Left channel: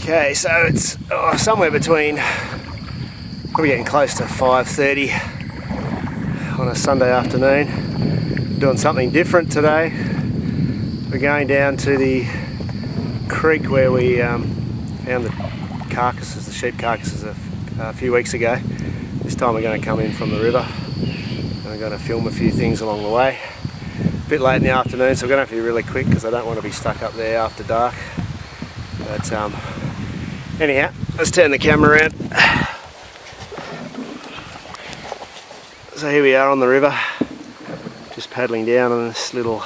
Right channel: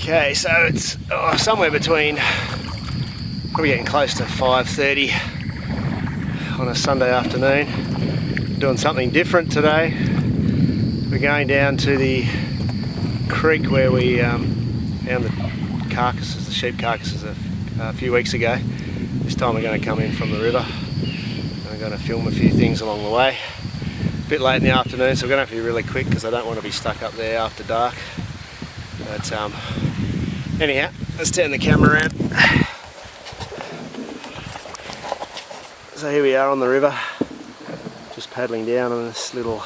Okay, so it's somewhere between, probably getting close to 5:30 on a Sunday afternoon. Doing something different today. We're going down to the creek where we found the carcasses, the sheep carcasses a few weeks ago. This time we're going to come in from the river and we're going to film a few things along the way. A bit late in the afternoon, so we're going to have to be really quick because I don't want to be stuck up there after dark. But anyhow, let's turn the camera around. So here we are on the river, just paddling down on this little,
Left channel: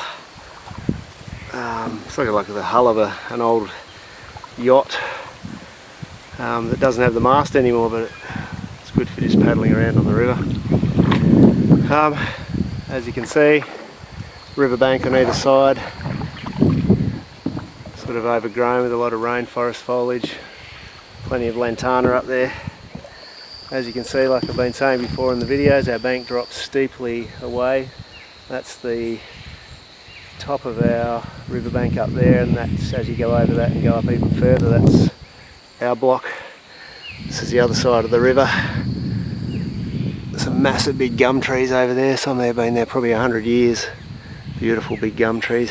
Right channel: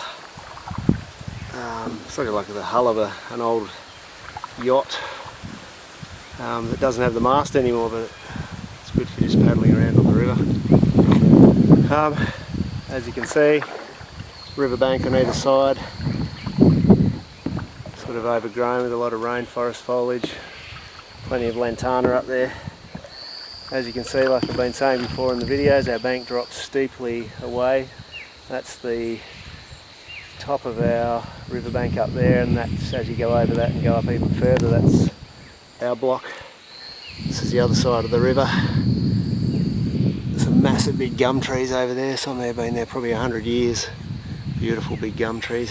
it's like the hull of an old yacht that doesn't have the mast anymore, but it's good for just paddling around on the river. As you can see, riverbank on either side, sort of overgrown with a lot of rainforest foliage, plenty of lantana up there. As you can see, like I've been saying before in the videos, our bank drops steeply away. That's the top of our riverbank up there, and that's, as you go over that and go up even further, that's our block. This is the other side of the river. Some massive big gum trees over there. Some of them have been there probably 100 years. Beautiful big gum trees.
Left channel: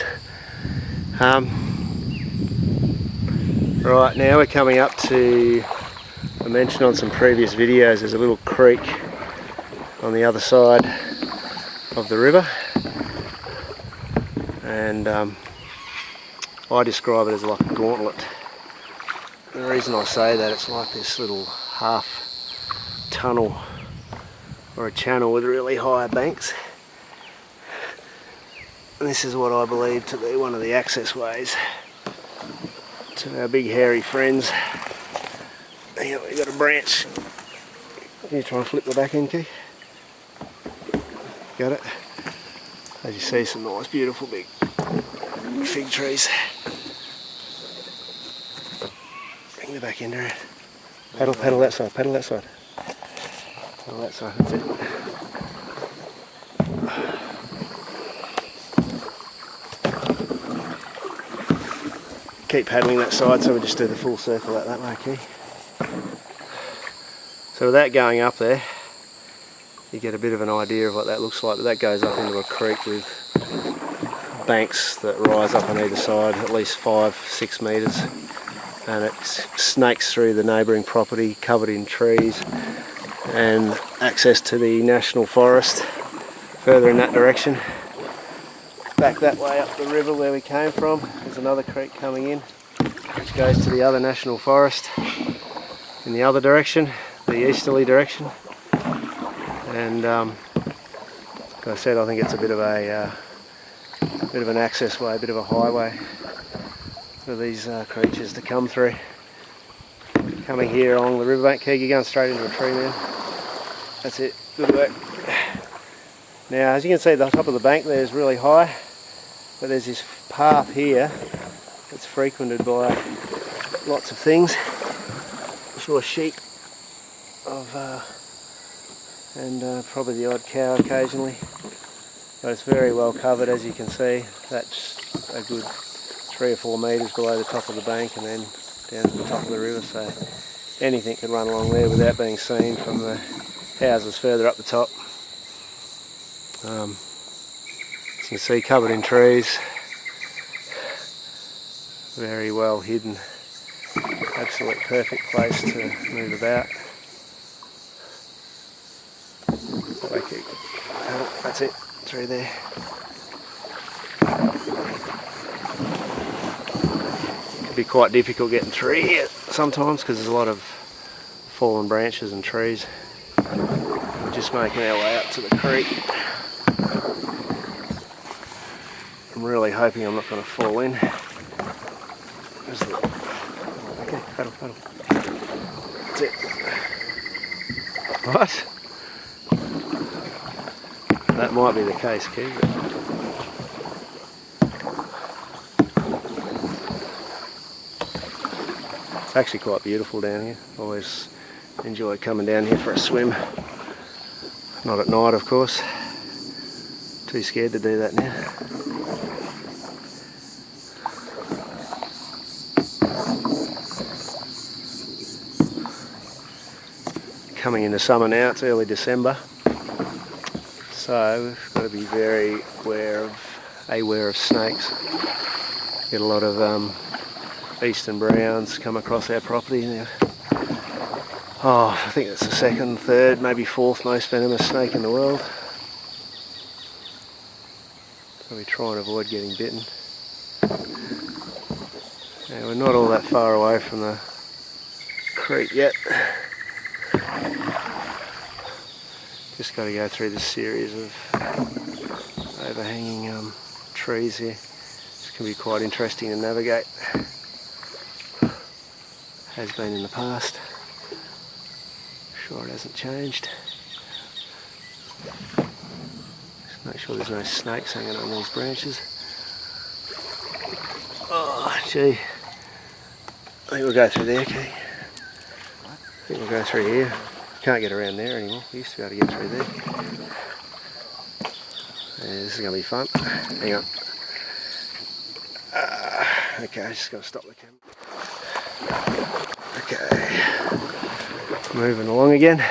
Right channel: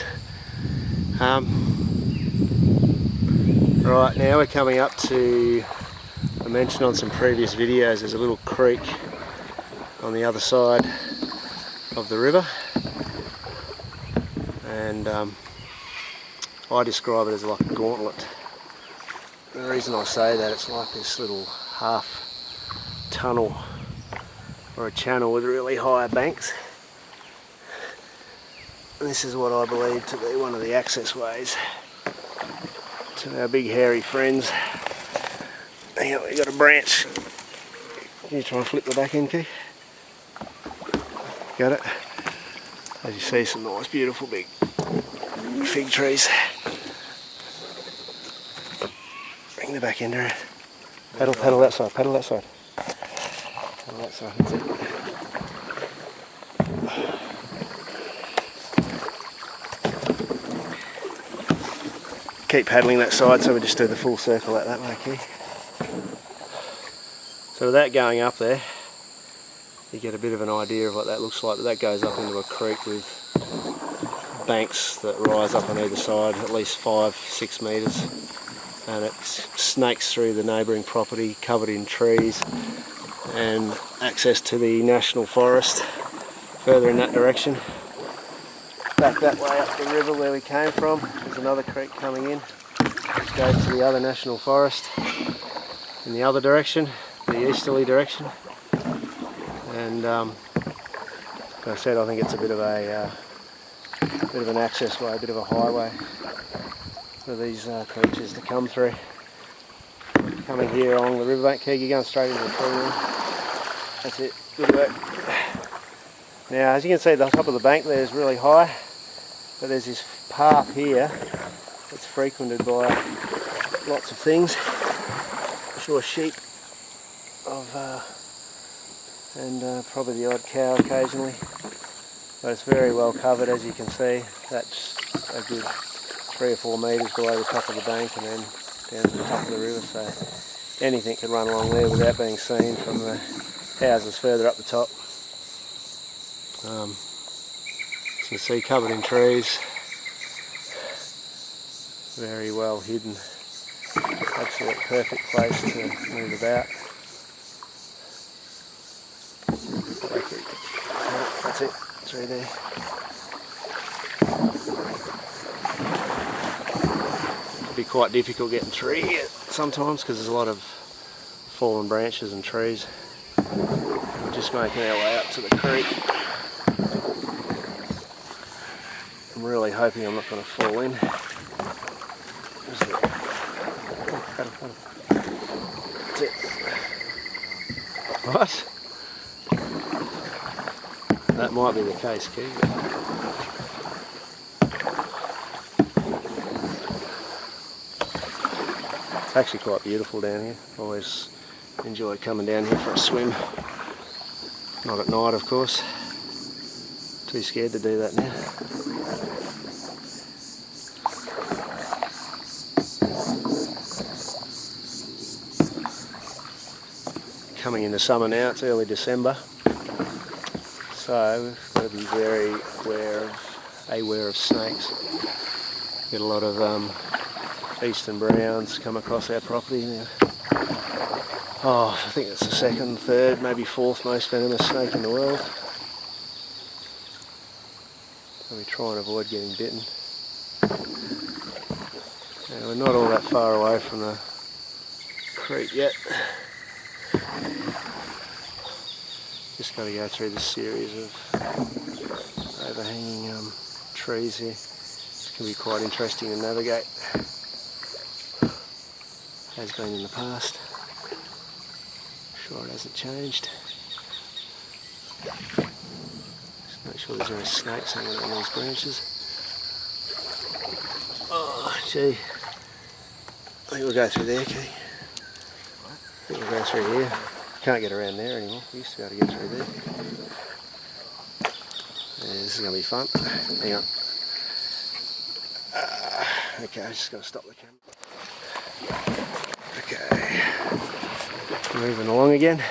Right, now we're coming up to, I mentioned on some previous videos, there's a little creek on the other side of the river, and I describe it as like a gauntlet. The reason I say that, it's like this little half tunnel or a channel with really high banks, and this is what I believe to be one of the access ways to our big hairy friends. Here we got a branch. Can you try and flip the back end key? Got it? As you see, some nice beautiful big fig trees. Bring the back end around. Paddle that side, paddle that side. Paddle that side, that's it. Keep paddling that side, so we just do the full circle out that way, Key. So with that going up there, you get a bit of an idea of what that looks like. But that goes up into a creek with banks that rise up on either side, at least 5-6 metres, and it snakes through the neighbouring property covered in trees, and access to the national forest further in that direction. Back that way up the river where we came from, there's another creek coming in which goes to the other national forest in the other direction, the easterly direction. And like I said, I think it's a bit of an access way, a bit of a highway for these creatures to come through. Coming here along the riverbank, you're going straight into a tree, man. That's it, good work. Now, as you can see, the top of the bank there is really high, but there's this path here that's frequented by lots of things. I saw sheep and probably the odd cow occasionally, but it's very well covered. As you can see, that's a good 3 or 4 metres below the top of the bank and then down to the top of the river, so anything could run along there without being seen from the houses further up the top. As you can see, covered in trees, very well hidden, absolute perfect place to move about. That's it, through there. It'd be quite difficult getting through here sometimes because there's a lot of fallen branches and trees. We're just making our way up to the creek. I'm really hoping I'm not going to fall in. Okay, paddle. That's it. What? That might be the case, Key. It's actually quite beautiful down here. Always enjoy coming down here for a swim. Not at night, of course. Too scared to do that now. coming into summer now, it's early December. So we've got to be very aware of snakes. Get a lot of eastern browns come across our property now. Oh, I think it's the second, third, maybe fourth most venomous snake in the world. So we try and avoid getting bitten. Now, we're not all that far away from the creek yet. Just got to go through this series of overhanging trees here. This can be quite interesting to navigate. Has been in the past. Sure it hasn't changed. Just make sure there's no snakes hanging on these branches. Oh gee. I think we'll go through there, Key. I think we'll go through here. Can't get around there anymore. We used to be able to get through there. Yeah, this is going to be fun. Hang on. Okay, just got to stop the camera. Okay. Moving along again.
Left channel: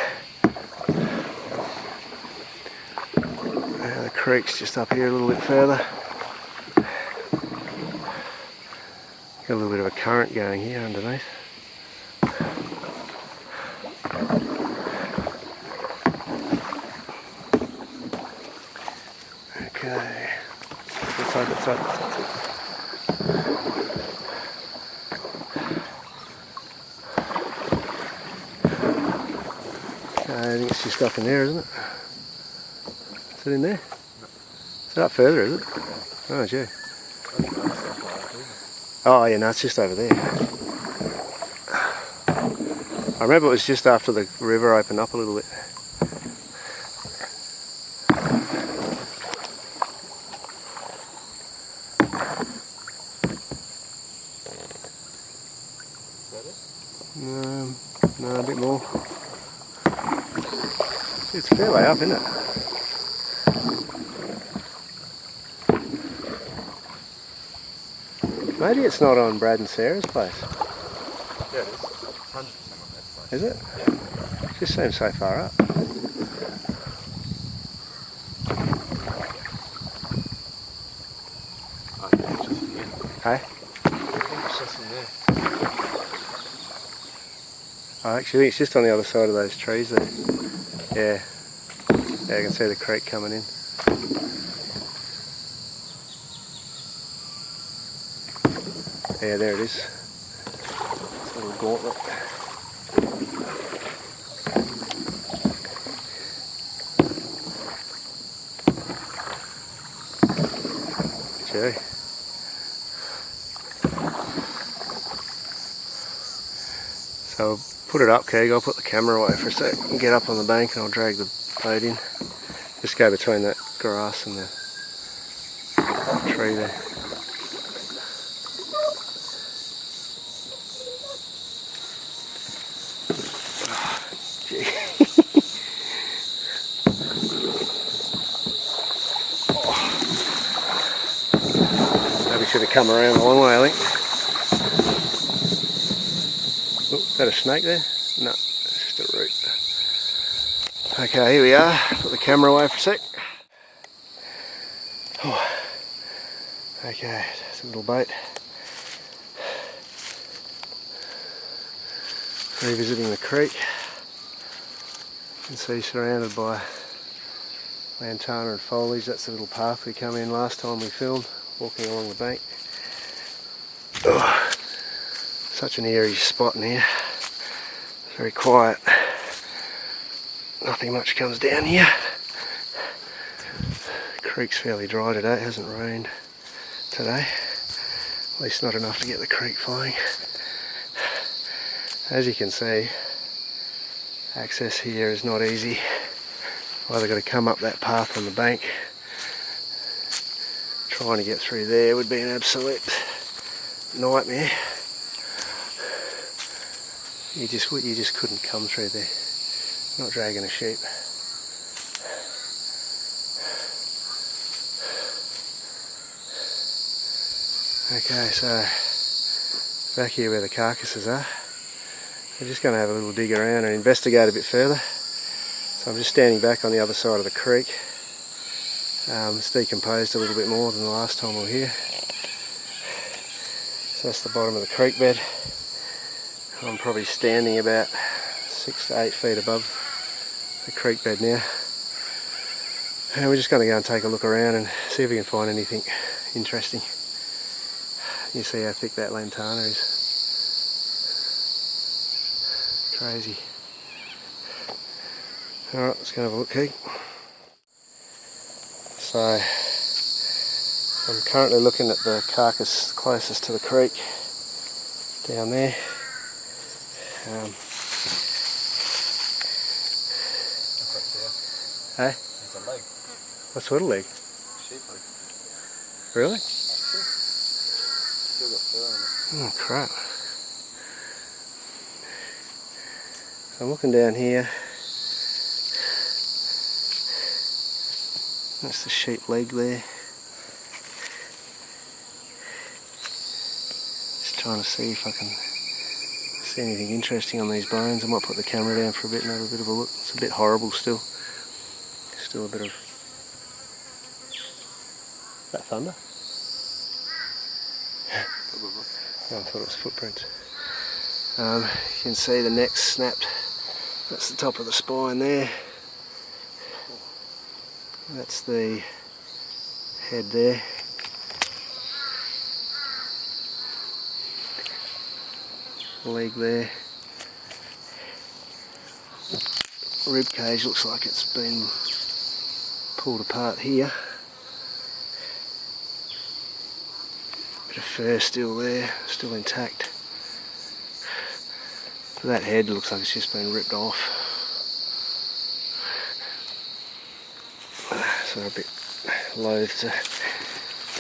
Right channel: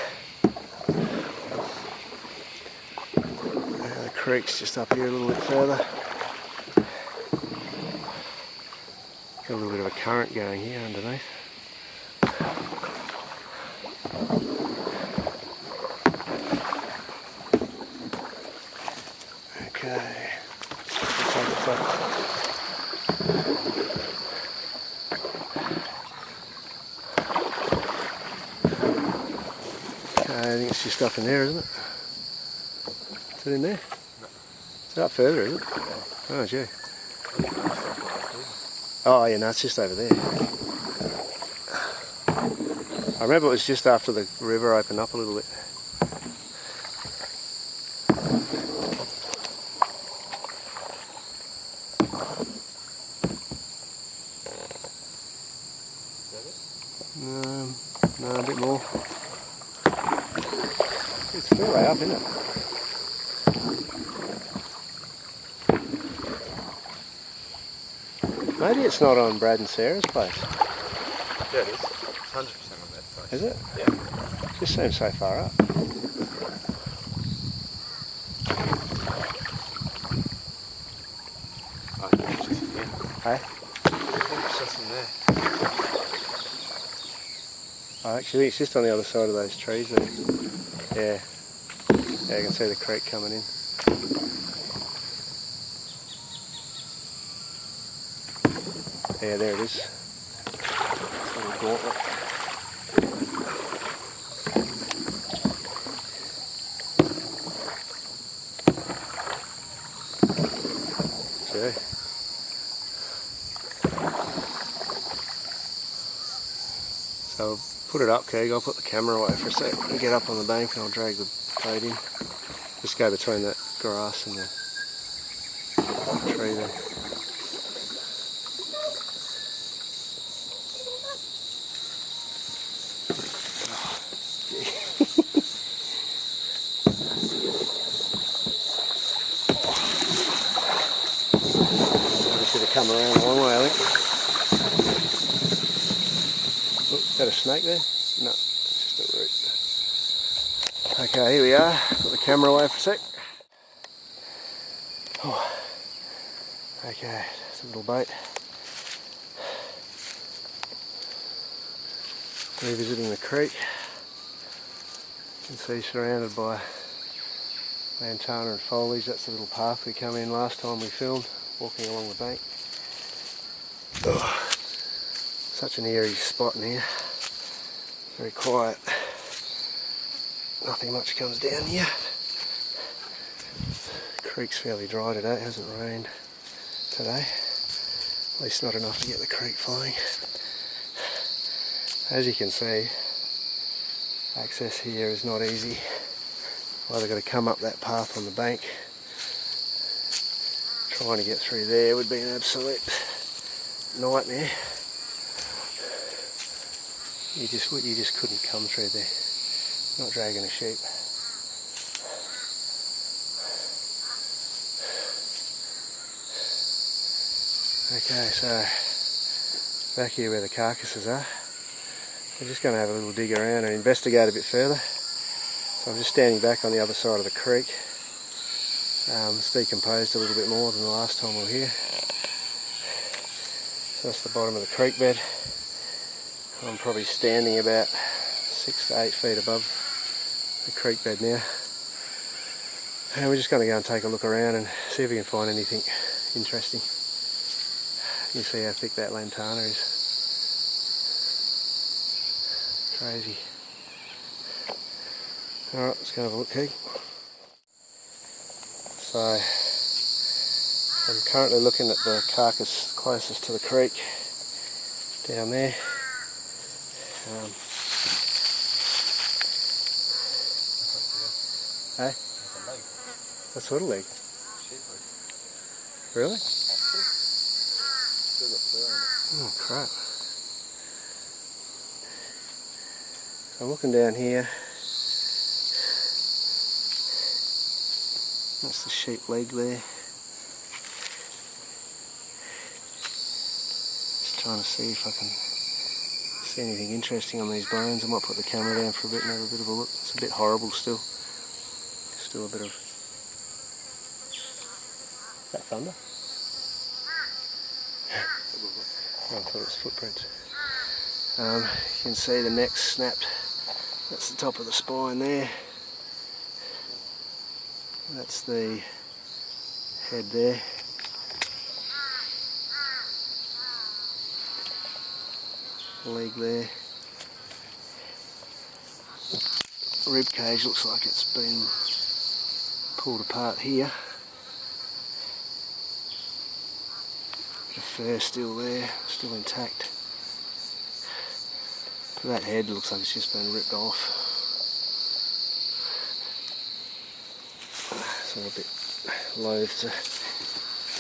The creek's just up here a little bit further. Got a little bit of a current going here underneath. Okay, we'll take it up. Okay, I think it's just up in there, isn't it? Is it in there? No. It's up further, is it? Oh, gee. Oh, yeah, no, it's just over there. I remember it was just after the river opened up a little bit. No, a bit more. It's a fair way up, isn't it? Maybe it's not on Brad and Sarah's place. Yeah, it is. 100% on that place. Is it? Yeah. It just seems so far up. I think it's just in there. Hey? I think it's just in there. Oh, actually, it's just on the other side of those trees there. Yeah. Yeah, you can see the creek coming in. Yeah, there it is. A little gauntlet. Gee. So I'll put it up, Keeg. I'll put the camera away for a sec and get up on the bank and I'll drag the boat in. Just go between that grass and the tree there. Maybe should have come around a long way, I think. Oh, is that a snake there? No, it's just a root. Okay, here we are. Put the camera away for a sec. Oh. Okay, it's a little boat. Revisiting the creek. You can see surrounded by lantana and foliage. That's the little path we come in last time we filmed, walking along the bank. Oh, such an eerie spot in here. Very quiet. Nothing much comes down here. The creek's fairly dry today. It hasn't rained today. At least not enough to get the creek flowing. As you can see, access here is not easy. Either got to come up that path on the bank. Trying to get through there would be an absolute nightmare. You just couldn't come through there. Not dragging a sheep. Okay, so back here where the carcasses are, We're just going to have a little dig around and investigate a bit further. So I'm just standing back on the other side of the creek. It's decomposed a little bit more than the last time we were here. So that's the bottom of the creek bed. I'm probably standing about 6 to 8 feet above the creek bed now. And we're just going to go and take a look around and see if we can find anything interesting. You see how thick that lantana is. Crazy. Alright, let's go have a look, Keith. So, I'm currently looking at the carcass closest to the creek, down there. Hey? There's a leg. What sort of leg? Sheep leg. Really? Still got fur on it. Oh crap. So I'm looking down here. That's the sheep leg there. Just trying to see if I can see anything interesting on these bones. I might put the camera down for a bit and have a bit of a look. It's a bit horrible still. Still a bit of... Is that thunder? Oh, I thought it was footprints. You can see the neck's snapped. That's the top of the spine there. That's the head there. Leg there. Rib cage looks like it's been pulled apart here. Bit of fur still there, still intact. But that head looks like it's just been ripped off. So I'm a bit loath to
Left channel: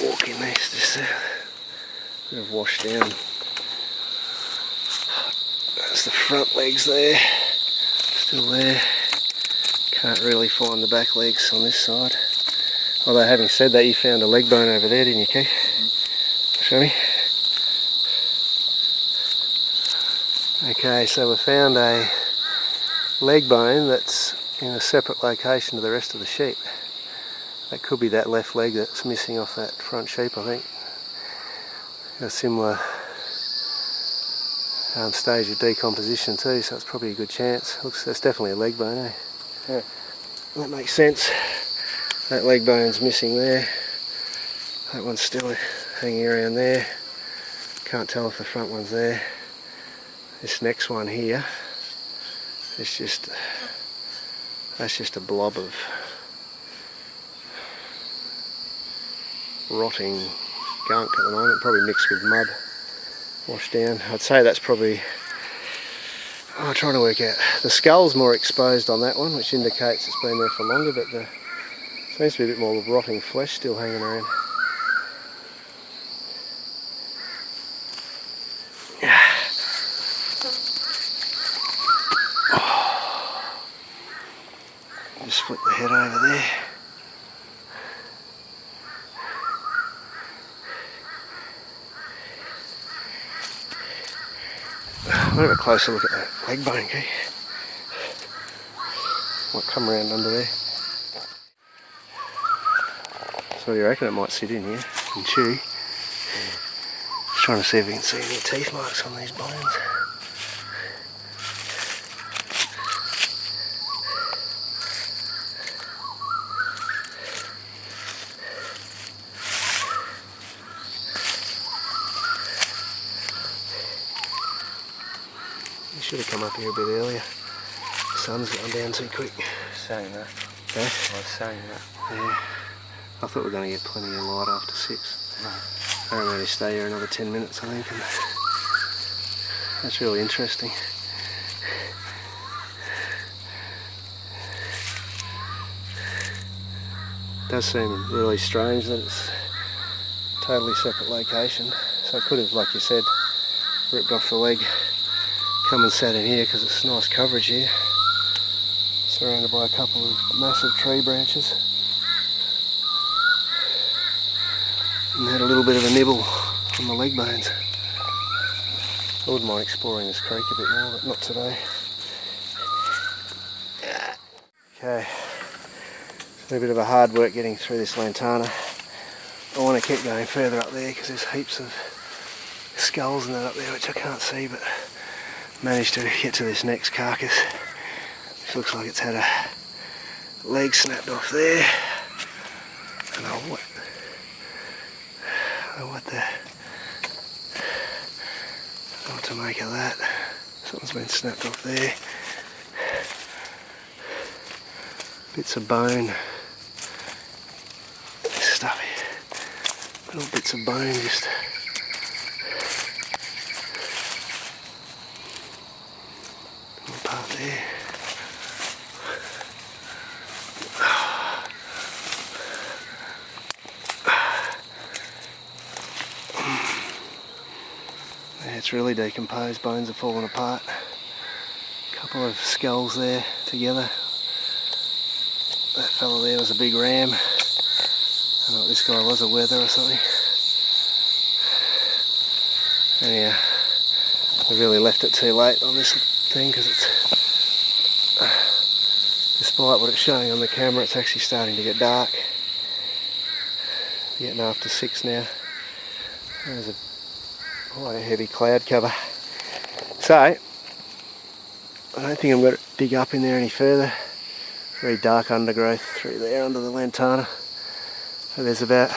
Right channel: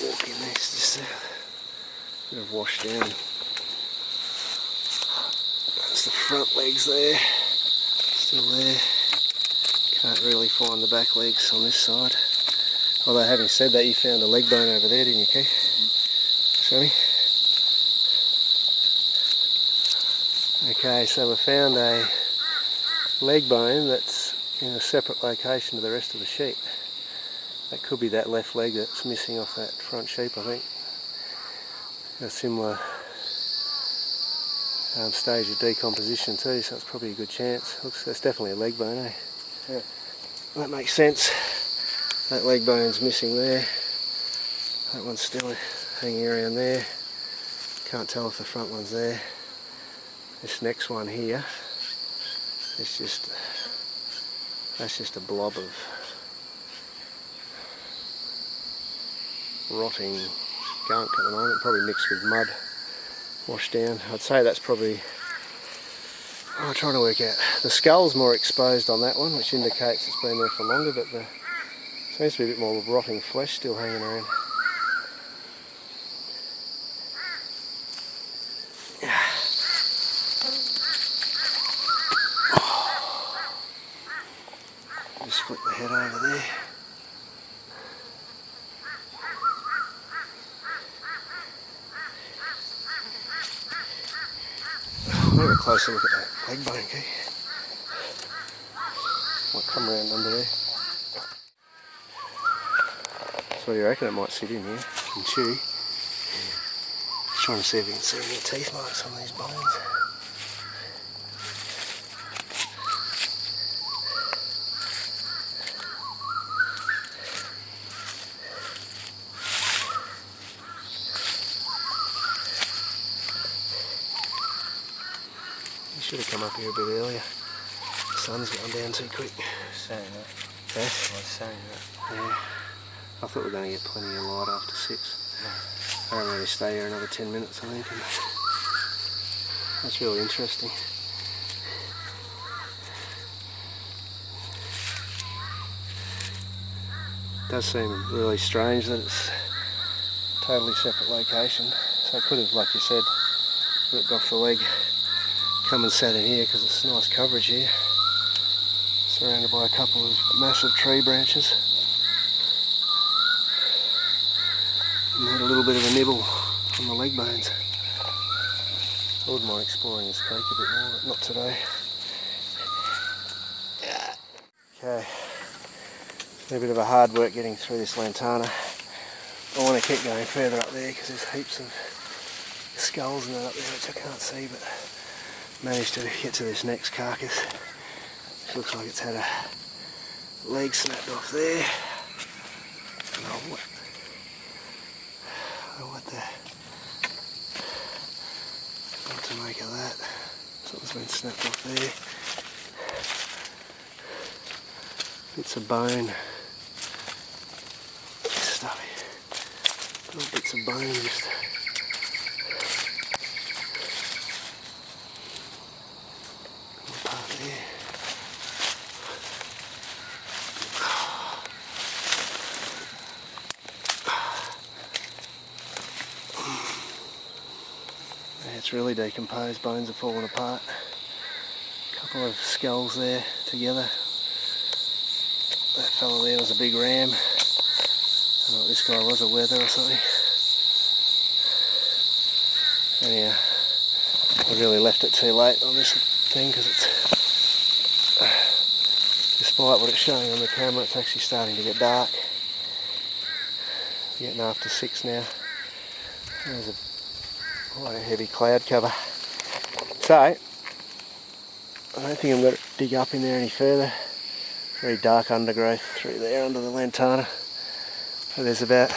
walk in there, it's just a bit of wash down. That's the front legs there, still there. Can't really find the back legs on this side. Although having said that, you found a leg bone over there, didn't you, Keith? Show me. Okay, so we found a leg bone that's in a separate location to the rest of the sheep. That could be that left leg that's missing off that front sheep, I think. A similar stage of decomposition too, so it's probably a good chance. Looks, that's definitely a leg bone, eh? Yeah. That makes sense. That leg bone's missing there. That one's still hanging around there. Can't tell if the front one's there. This next one here, it's just, that's just a blob of rotting gunk at the moment, probably mixed with mud, washed down. I'd say that's probably, I'm trying to work out, the skull's more exposed on that one, which indicates it's been there for longer, but there seems to be a bit more rotting flesh still hanging around. Just flip the head over there. I'll have a closer look at that leg bone, okay? Might come around under there. So what do you reckon? It might sit in here and chew. Just trying to see if we can see any teeth marks on these bones. Should have come up here a bit earlier. The sun's gone down too quick. Saying that. Eh? I was saying that. Yeah. I thought we were going to get plenty of light after 6. I don't really stay here another 10 minutes, I think. And that's really interesting. It does seem really strange that it's a totally separate location. So it could have, like you said, ripped off the leg. Come and sat in here because it's nice coverage here, surrounded by a couple of massive tree branches, and had a little bit of a nibble on the leg bones. I wouldn't mind exploring this creek a bit more, but not today. Okay, it's been a bit of a hard work getting through this lantana. I want to keep going further up there because there's heaps of skulls and that up there which I can't see, but managed to get to this next carcass. It looks like it's had a leg snapped off there. And what to make of that. Something's been snapped off there. Bits of bone. Stuffy. Little bits of bone just little part there. It's really decomposed, bones are falling apart. A couple of skulls there together. That fella there was a big ram. I don't know what this guy was, a wether or something. Anyhow, I really left it too late on this thing because it's, despite what it's showing on the camera, it's actually starting to get dark. It's getting after 6 now. There's quite a heavy cloud cover. So, I don't think I'm going to dig up in there any further. Very dark undergrowth through there under the lantana. So there's about,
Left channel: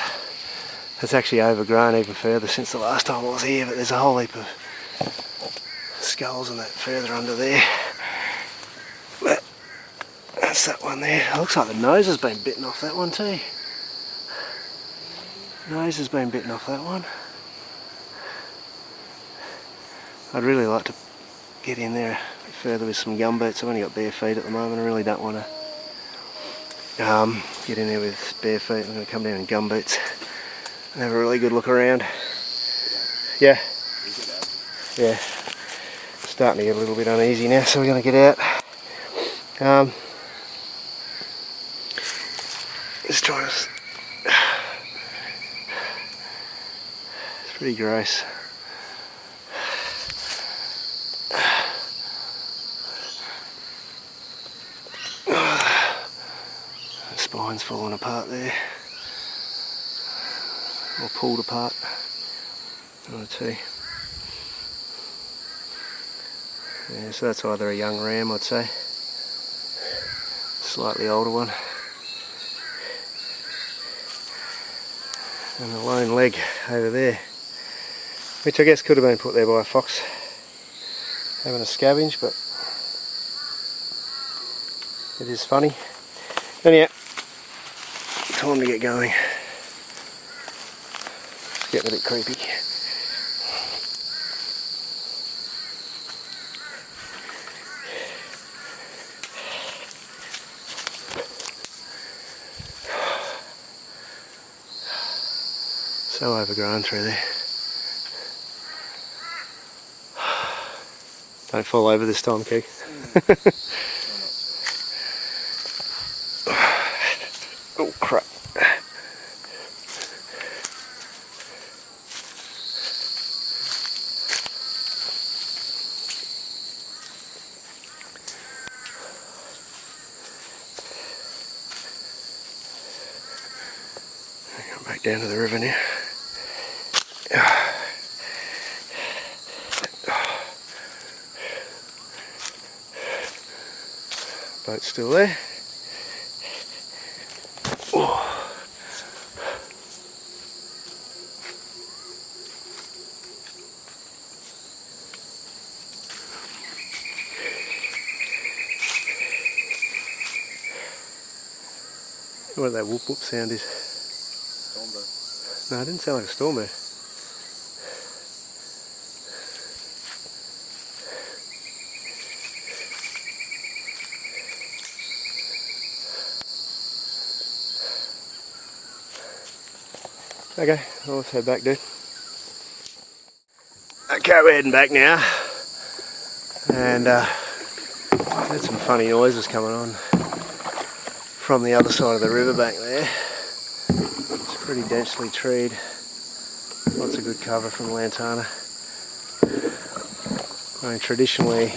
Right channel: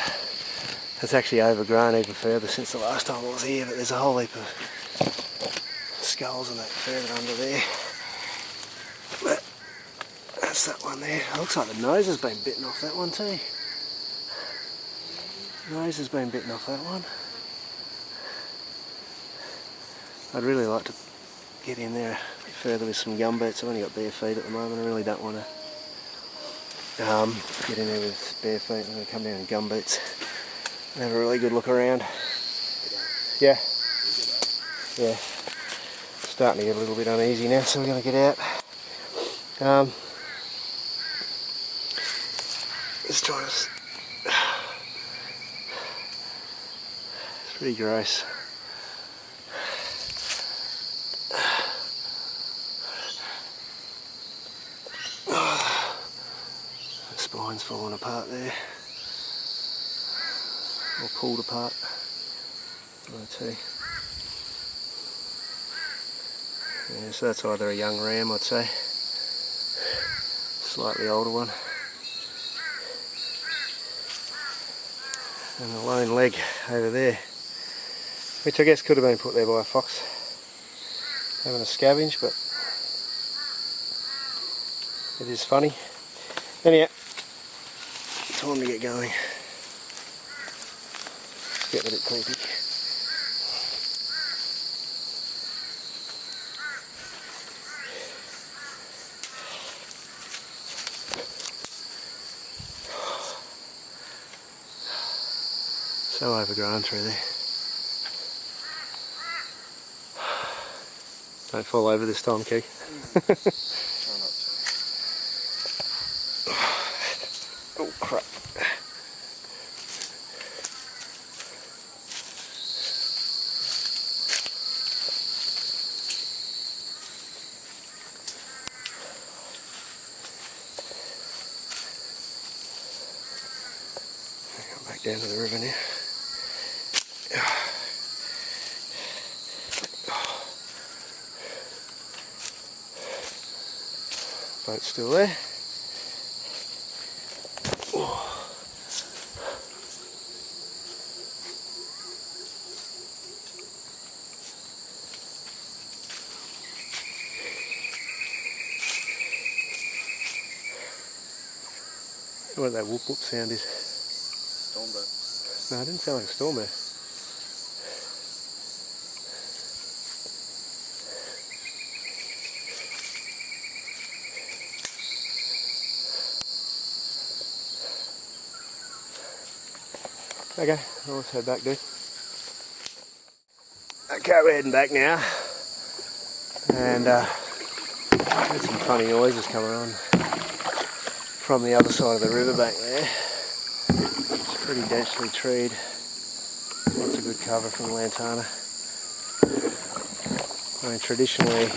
it's actually overgrown even further since the last time I was here, but there's a whole heap of skulls and that further under there. But that's that one there. It looks like the nose has been bitten off that one too. The nose has been bitten off that one. I'd really like to get in there a bit further with some gumboots. I've only got bare feet at the moment. I really don't want to get in there with bare feet. I'm going to come down in gumboots and have a really good look around. Yeah. Yeah. Starting to get a little bit uneasy now, so we're going to get out. Just trying to... It's pretty gross. Spine's falling apart there, or pulled apart, one or two. Yeah, so that's either a young ram, I'd say, slightly older one, and a lone leg over there, which I guess could have been put there by a fox having a scavenge, but it is funny. Anyhow, time to get going. It's getting a bit creepy. So overgrown through there. Don't fall over this time, Keith. Oh crap. Come back down to the river now. Boat's still there. Oh. What that whoop whoop sound is? Stormbird. No, it didn't sound like a stormbird. Okay, well, let's head back, dude. Okay, we're heading back now. And there's some funny noises coming on from the other side of the riverbank there. It's pretty densely treed. Lots of good cover from the lantana. I mean, traditionally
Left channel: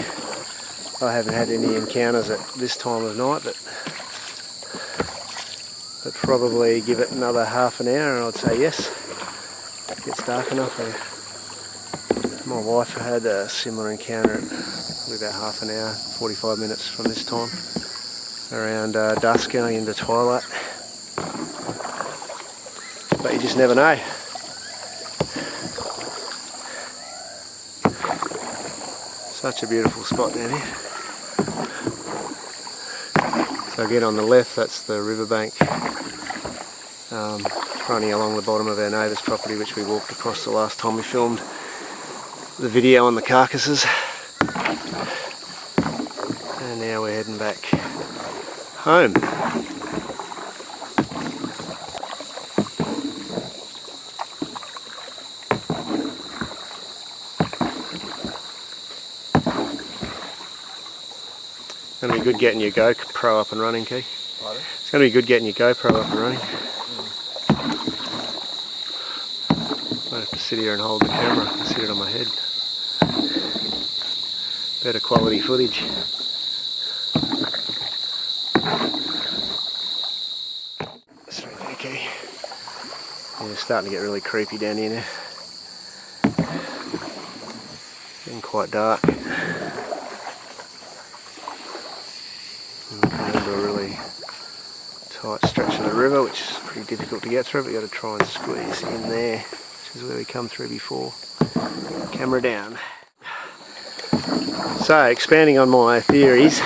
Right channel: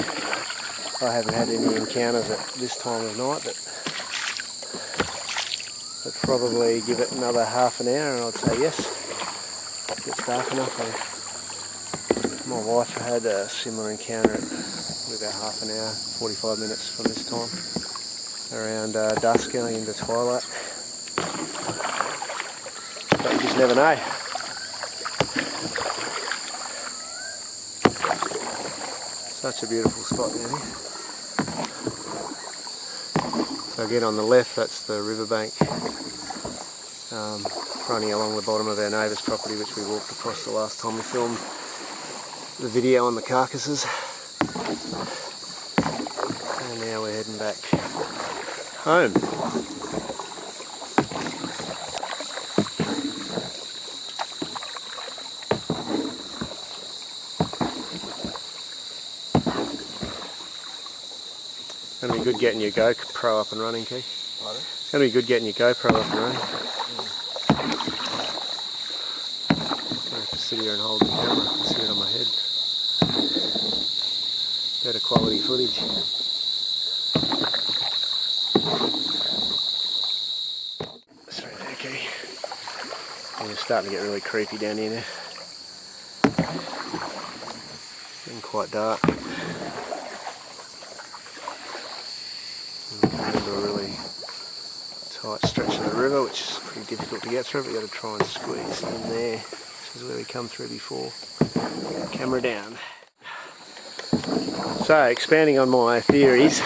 I haven't had any encounters at this time of night, but probably give it another half an hour and I'd say yes. It gets dark enough. My wife had a similar encounter at about half an hour, 45 minutes from this time, around dusk going into twilight. But you just never know. Such a beautiful spot down here. So again, on the left, that's the riverbank running along the bottom of our neighbour's property, which we walked across the last time we filmed the video on the Carcasses. And now we're heading back home. It's going to be good getting your GoPro up and running, Keith. Pardon? It's going to be good getting your GoPro up and running. I have to sit here and hold the camera and sit it on my head. Better quality footage. Straight there, Keith. Yeah, it's starting to get really creepy down here now. Getting quite dark. Into a really tight stretch of the river, which is pretty difficult to get through, but you've got to try and squeeze in there. This is where we come through before. Camera down. So, expanding on my theories,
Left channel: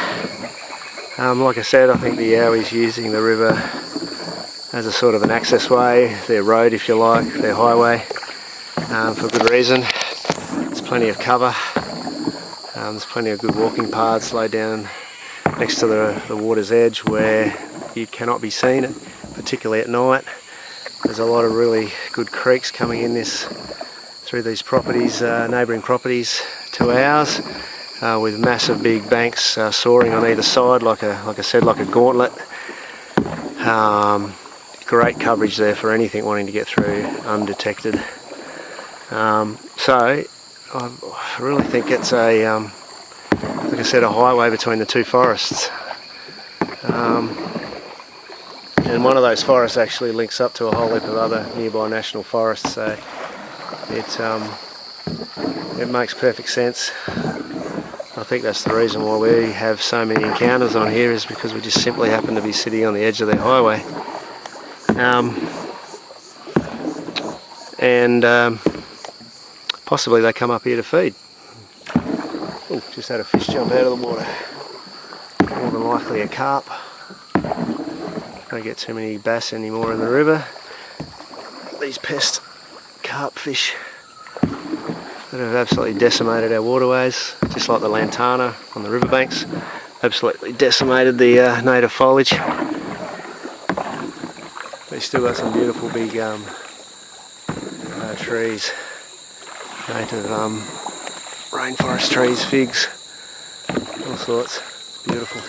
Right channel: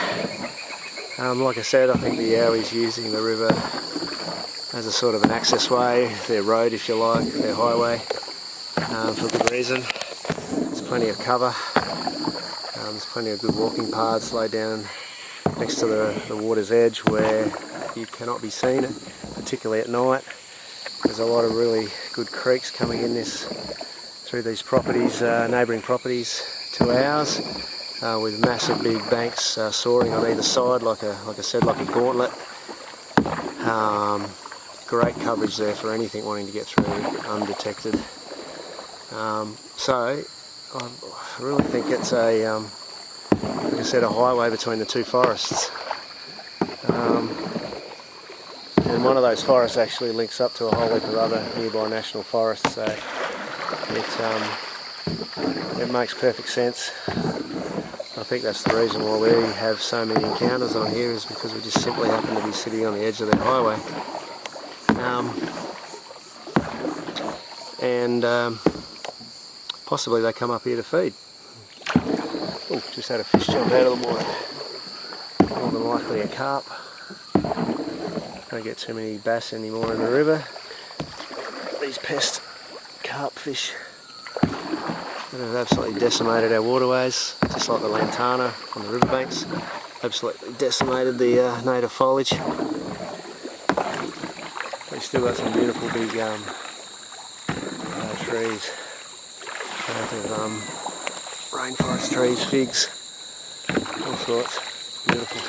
like I said, I think the Yowie's using the river as a sort of an access way, their road if you like, their highway, for good reason. There's plenty of cover, there's plenty of good walking paths laid down next to the water's edge where you cannot be seen, particularly at night. There's a lot of really good creeks coming in through these properties, neighbouring properties to ours, with massive big banks soaring on either side, like I said, like a gauntlet. Great coverage there for anything wanting to get through undetected. So I really think it's like I said, a highway between the two forests. And one of those forests actually links up to a whole heap of other nearby national forests, so it makes perfect sense. I think that's the reason why we have so many encounters on here, is because we just simply happen to be sitting on the edge of the highway. And possibly they come up here to feed. Oh, just had a fish jump out of the water. More than likely a carp. Don't get too many bass anymore in the river. These pest carp fish that have absolutely decimated our waterways, just like the lantana on the riverbanks, absolutely decimated the native foliage. We've still got some beautiful big trees, native rainforest trees, figs, all sorts. It's beautiful.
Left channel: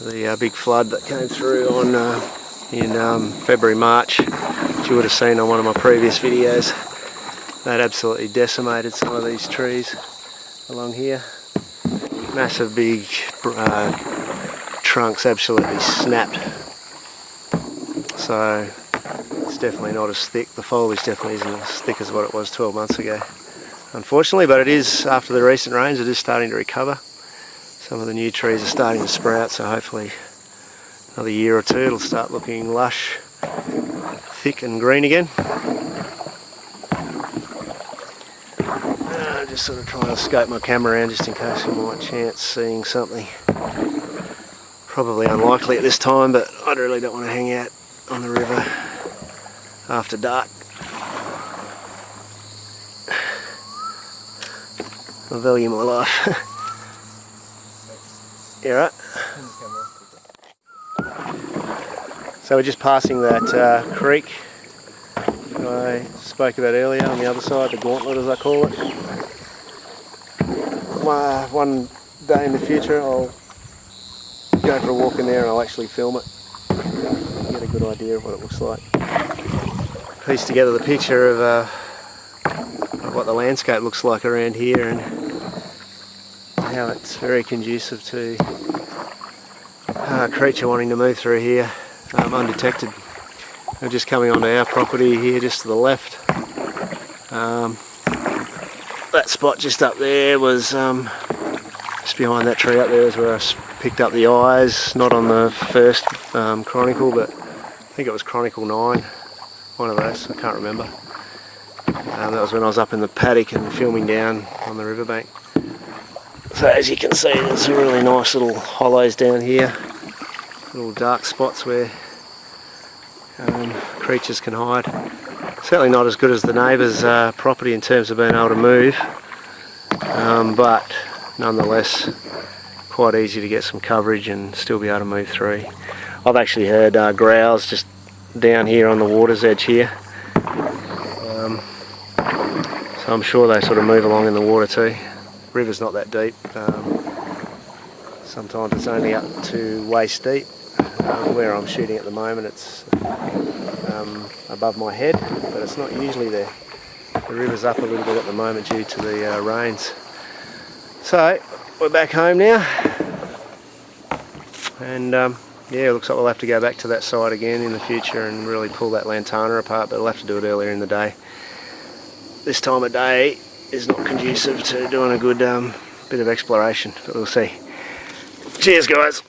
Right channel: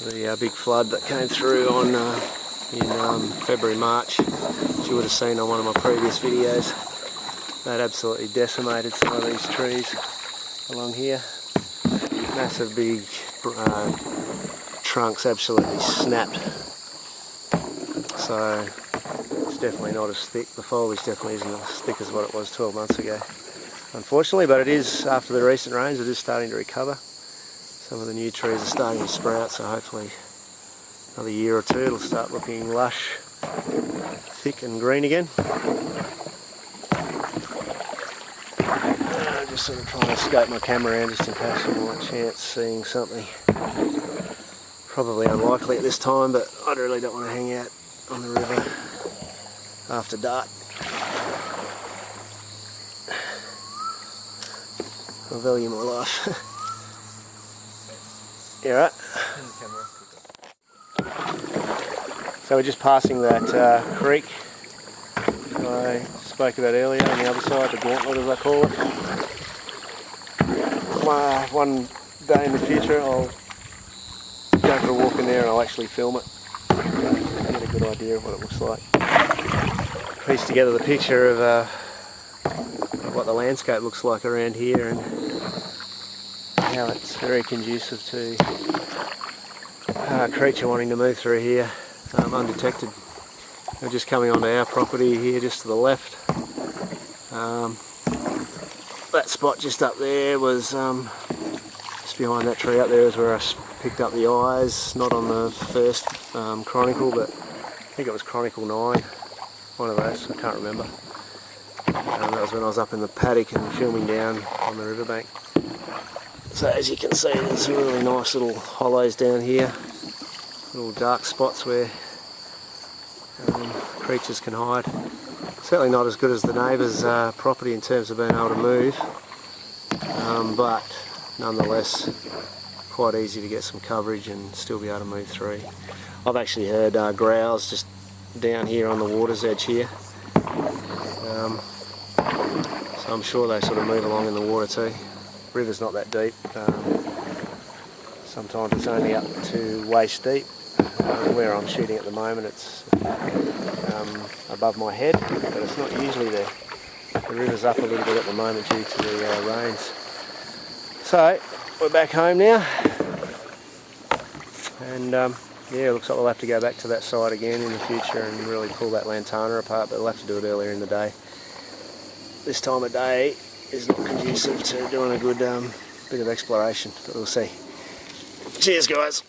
The big flood that came through in February, March, which you would have seen on one of my previous videos, that absolutely decimated some of these trees along here. Massive big trunks absolutely snapped. So it's definitely not as thick. The foliage definitely isn't as thick as what it was 12 months ago, unfortunately, but it is, after the recent rains, it is starting to recover. Some of the new trees are starting to sprout, so hopefully another year or two it'll start looking lush, thick and green again. I'm just sort of trying to scope my camera around just in case I might chance seeing something. Probably unlikely at this time, but I really don't want to hang out on the river after dark. I value my life. You alright? So we're just passing that creek that I spoke about earlier on the other side, the gauntlet as I call it. One day in the future I'll go for a walk in there and I'll actually film it, get a good idea of what it looks like. Piece together the picture of what the landscape looks like around here and how it's very conducive to a creature wanting to move through here undetected. They're just coming onto our property here just to the left. That spot just up there was just behind that tree up there is where I picked up the eyes, not on the first Chronicle, but I think it was Chronicle 9, one of those, I can't remember. That was when I was up in the paddock and filming down on the riverbank. So as you can see, there's some really nice little hollows down here, little dark spots where creatures can hide. Certainly not as good as the neighbour's property in terms of being able to move, but nonetheless quite easy to get some coverage and still be able to move through. I've actually heard growls just down here on the water's edge here, so I'm sure they sort of move along in the water too. River's not that deep, sometimes it's only up to waist deep. Where I'm shooting at the moment it's above my head, but it's not usually there. The river's up a little bit at the moment due to the rains. So we're back home now, and yeah, it looks like we'll have to go back to that side again in the future and really pull that lantana apart, but we'll have to do it earlier in the day. This time of day is not conducive to doing a good bit of exploration, but we'll see. Cheers guys!